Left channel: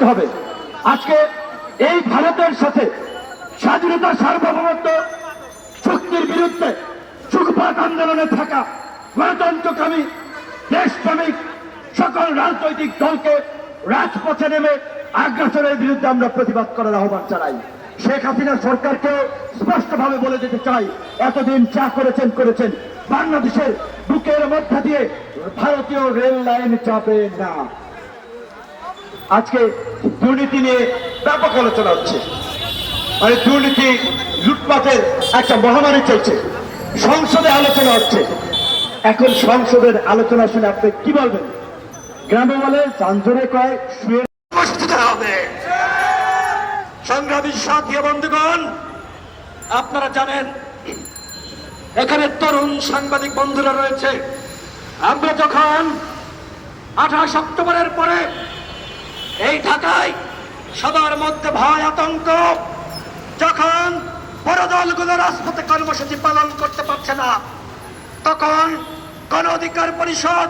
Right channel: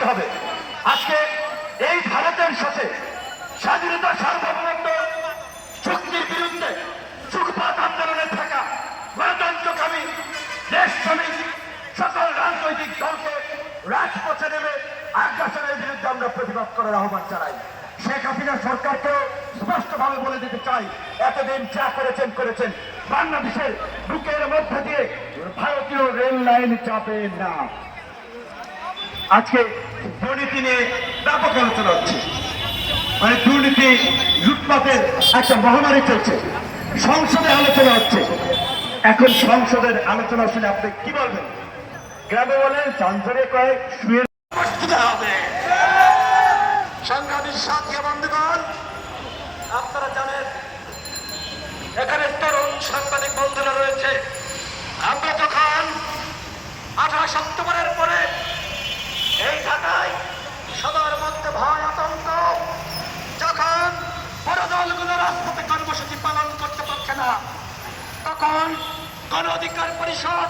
করতে হবে। আজকে এই ভারতের সাথে স্বাধীনতা সার্বভৌমত্ব, চুক্তির বিরুদ্ধে সুখপাত আন্দোলনে থাকা গণতন্ত্রকামী, দেশপ্রেমিক সকল রাজনৈতিক দলকে রাজপথে নেমে আগ্রাসনের বিরুদ্ধে আমরা প্রতিবাদ করার আহ্বান চালাই শেখ হাসিনা সরকারকে স্পষ্টভাবে বলে যেতে চাই, এতদিন যা করেছেন করেছেন। বাংলাদেশের বুকের মধ্যে দিয়ে ভারতীয় রেল লাইন যাবে না। আজকে দুর্নীতি নিয়ে ব্যাপক আলোচনা হচ্ছে। মানে দুর্নীতি লুটপাটের একটা মহামারী চলছে। সংসদে আলোচনা হচ্ছে। এখন সংসদের আলোচনা শুনে আপনি কি বলবেন? গ্রামে বলে চাঞ্চরে কয়, শুয়ে প্রস্তুত হবে। সংগ্রামী সাথী বন্ধুগণ, আপনারা জানেন, এখানে তরুণ সাংবাদিক বন্ধুরা রয়েছে। আমরা যখন আঠাশ অক্টোবরের পরে ঢাকায় সবার মধ্যে ভয় আতঙ্ক। যখন বড় দলগুলো রাজপথে কর্মসূচি পালন করতে পারছে না, তখন গণ অধিকার পরিষদ